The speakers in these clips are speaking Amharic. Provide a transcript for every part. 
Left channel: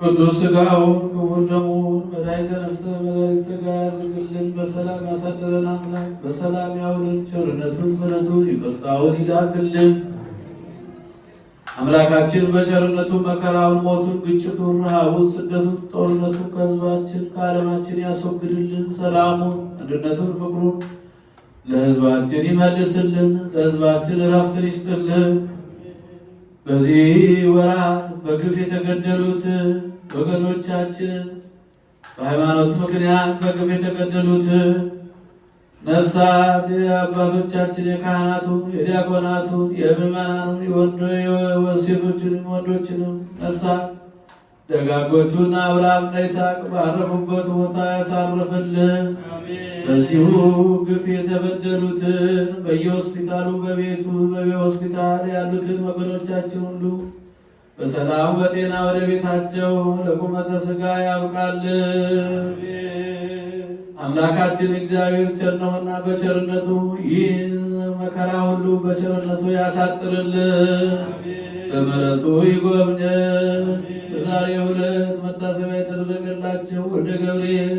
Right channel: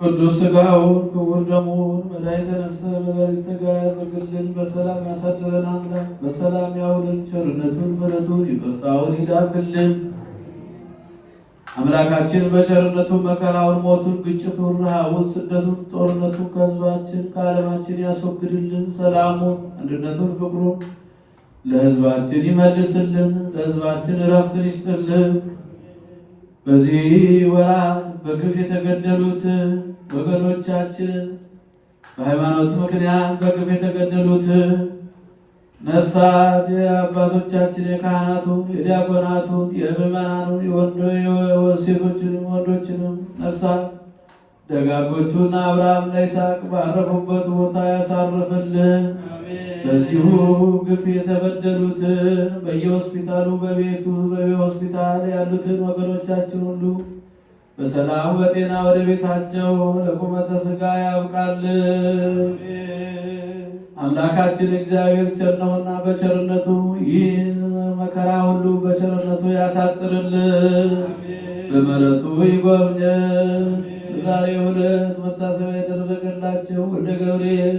ቅዱስ ሥጋውን ክቡር ደሙን መድኃኒተ ነፍስ መድኃኒተ ሥጋ ያድርግልን። በሰላም ያሳድረን አምላክ በሰላም ያውልን። ቸርነቱን ምሕረቱን ይቅርታውን ይላክልን። አምላካችን በቸርነቱ መከራውን፣ ሞቱን፣ ግጭቱን፣ ረሃቡን፣ ስደቱን፣ ጦርነቱን ከሕዝባችን ከዓለማችን ያስወግድልን። ሰላሙን፣ አንድነቱን፣ ፍቅሩን ለሕዝባችን ይመልስልን። ለሕዝባችን እረፍትን ይስጥልን። በዚህ ወራት በግፍ የተገደሉት ወገኖቻችን በሃይማኖት ምክንያት በግፍ የተገደሉት ነፍሳት የአባቶቻችን የካህናቱን፣ የዲያቆናቱን፣ የምዕመናኑን የሴቶችንም ወንዶችንም ነፍሳት ደጋጎቹን አብርሃምና ይስሐቅ ባረፉበት ቦታ ያሳርፍልን። በዚሁ ግፍ የተበደሉትን በየሆስፒታሉ በቤቱ በሆስፒታል ያሉትን ወገኖቻችን ሁሉ በሰላም በጤና ወደ ቤታቸው ለቁመተ ሥጋ ያብቃልን። አምላካችን እግዚአብሔር ቸር ነውና በቸርነቱ ይህን መከራ ሁሉ በቸርነቱ ያሳጥርልን፣ በምሕረቱ ይጎብኘን። በዛሬው ዕለት መታሰቢያ የተደረገላቸው ወልደ ገብርኤል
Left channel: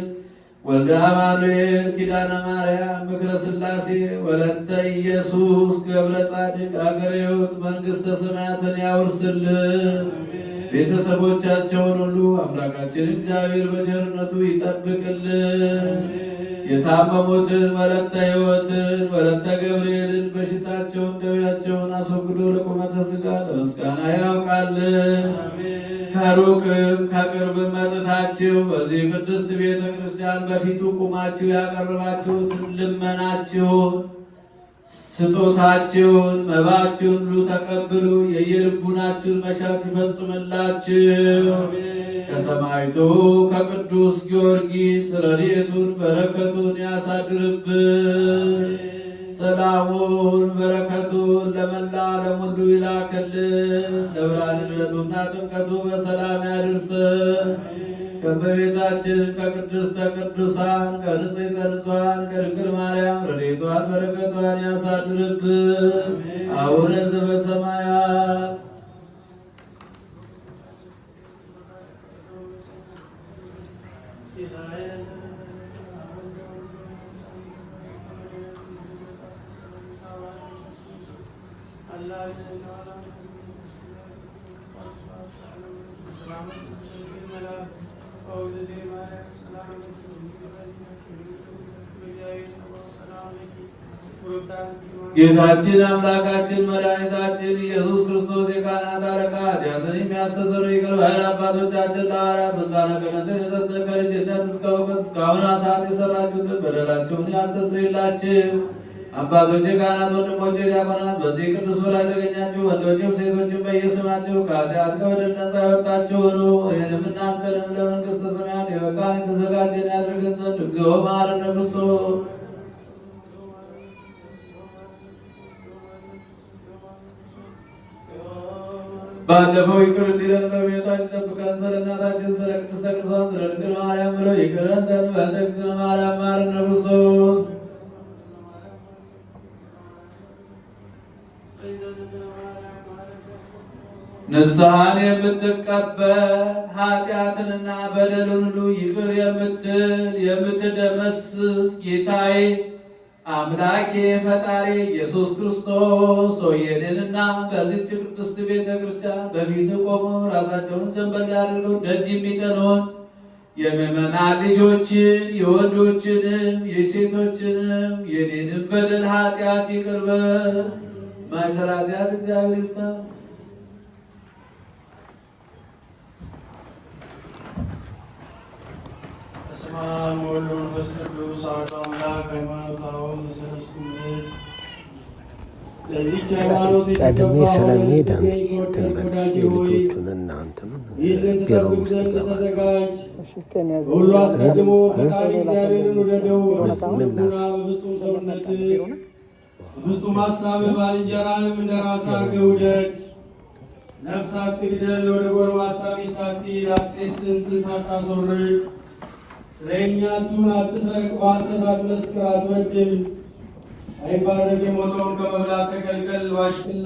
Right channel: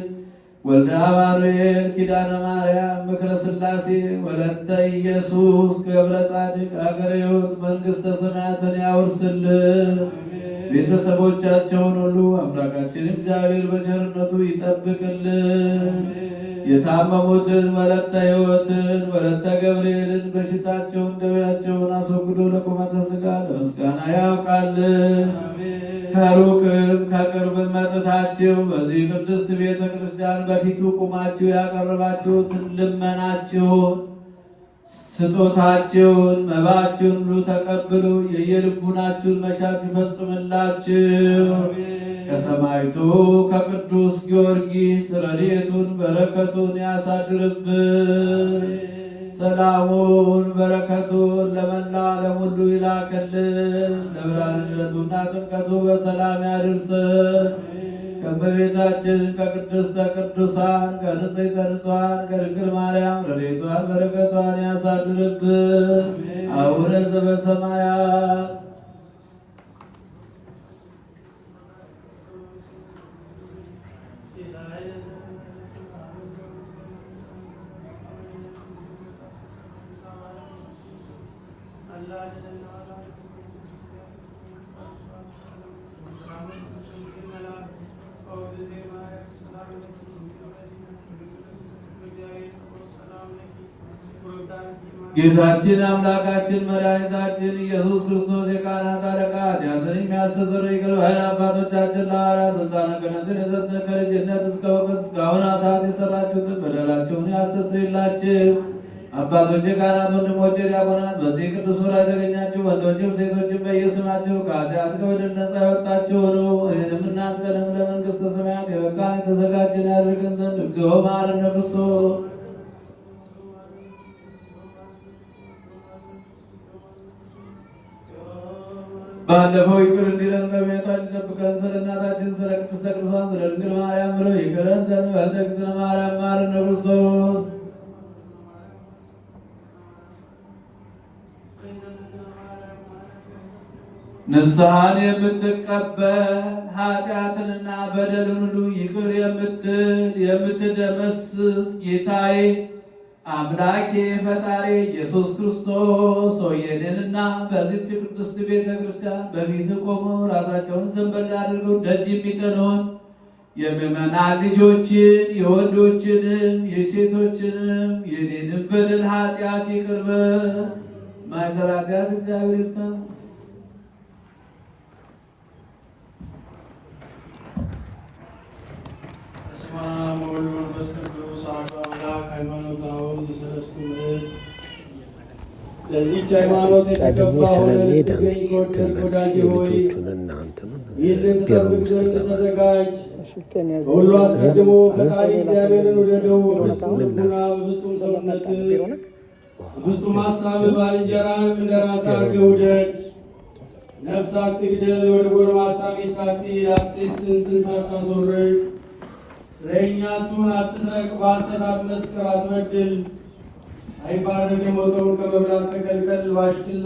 ወልደ አማኑኤል ኪዳነ ማርያም ምክረ ሥላሴ ወለተ ኢየሱስ ገብረ ጻድቅ አገረ ሕይወት መንግሥተ ሰማያትን ያውርስልን። ቤተሰቦቻቸውን ሁሉ አምላካችን እግዚአብሔር በቸርነቱ ይጠብቅልን። የታመሙትን ወለተ ሕይወትን ወለተ ገብርኤልን በሽታቸውን ደዌያቸውን አስወግዶ ለቁመተ ሥጋ ለምስጋና ያውቃልን። ከሩቅም ከቅርብም መጥታችሁ በዚህ ቅድስት ቤተ ክርስቲያን በፊቱ ቁማችሁ ያቀረባችሁትን ልመናችሁን፣ ስጦታችሁን፣ መባችሁን ሁሉ ተቀብሉ። የየልቡናችሁን መሻት ይፈጽምላችሁ። ከሰማዕቱ ከቅዱስ ጊዮርጊስ ረድኤቱን በረከቱን ያሳድርብን። ሰላሙን በረከቱን ለመላው ዓለም ሁሉ ይላክልን። ለብርሃነ ልደቱና ጥምቀቱ በሰላም ያድርሰን። ከእመቤታችን ከቅድስተ ቅዱሳን ከንጽሕተ ንጹሐን ከድንግል ማርያም ረድኤቷን በረከቷን ያሳድርብን። አቡነ ዘበሰማያት ጌታችን አምላካችን መድኃኒታችን ኢየሱስ ክርስቶስ የካህናት አለቃ ኃጢአትን የሚያስተሰርይ ይቅር ባይ አባቶቻችን ለሐዋርያት ሥልጣነ ክህነትን የሰጠ ከልጅነት እስከ እውቀት እስካሁን ሰዓት የሠራችሁትን በደላችሁን ያስተሰርይላችሁ። አባቶቼ ካህናት፣ ወንድሞቼ ዲያቆናት፣ በዚህ ቅዱስ ላይ የተገኛችሁ ወንዶችም ሴቶችም በየስማችሁ ከኃጢአት ከበደል ነፃ ያወጣችሁ ሁኑ። ይህንም እናንተንም ለመንግሥተ ሰማያት የበቃን የተዘጋጀን ያደርግን ዘንድ እግዚኦ መሐረነ ክርስቶስ ባለፈው ይቅር እንዲለን በቤታችን ጠብቀን ስለ እናታችን ስለ ቅድስተ ቅዱሳን ስለ ድንግል ማርያም ብለው ይቅረን ዘንድ በእንተ ማርያም መሐረነ ክርስቶስ ንስሐን የምትቀበል ኃጢአትንና በደልን ሁሉ ይቅር የምትል የምትደመስስ ጌታዬ አምላኬ ፈጣሪ ኢየሱስ ክርስቶስ ሆይ እኔንና በዚህች ቅድስት ቤተ ክርስቲያን በፊት ቆሞ ራሳቸውን ዘንበል አድርገው ደጅ የሚጠኑን የምዕመናን ልጆችን የወንዶችንም የሴቶችንም የኔንም በደል ኃጢአት ይቅር በል። ማይሰራ ኃጢአት እግዚአብሔር ይፍታ። ቀድሜ ስለሚሄድ አንተ እንትን በል የልጆቹን እና እንትኑን ቢሮ ውስጥ ይገባል። ምን ላክ ፍጹም ሀሳብ ባልንጀራህን እንደ ራስህ አድርገህ ውደድ። ነፍስ አትግደል፣ ወደ ጎልማሳ ሚስት አትሂድ፣ አትሴስን፣ ጽንስ አታስወርድ፣ ስለኛ አትሁን፣ አትስረቅ፣ በሐሰት አትመስክር፣ አትበድል፣ ሳይባረክ የሞተውን ከመብላት ተከልከል። ባሽክላ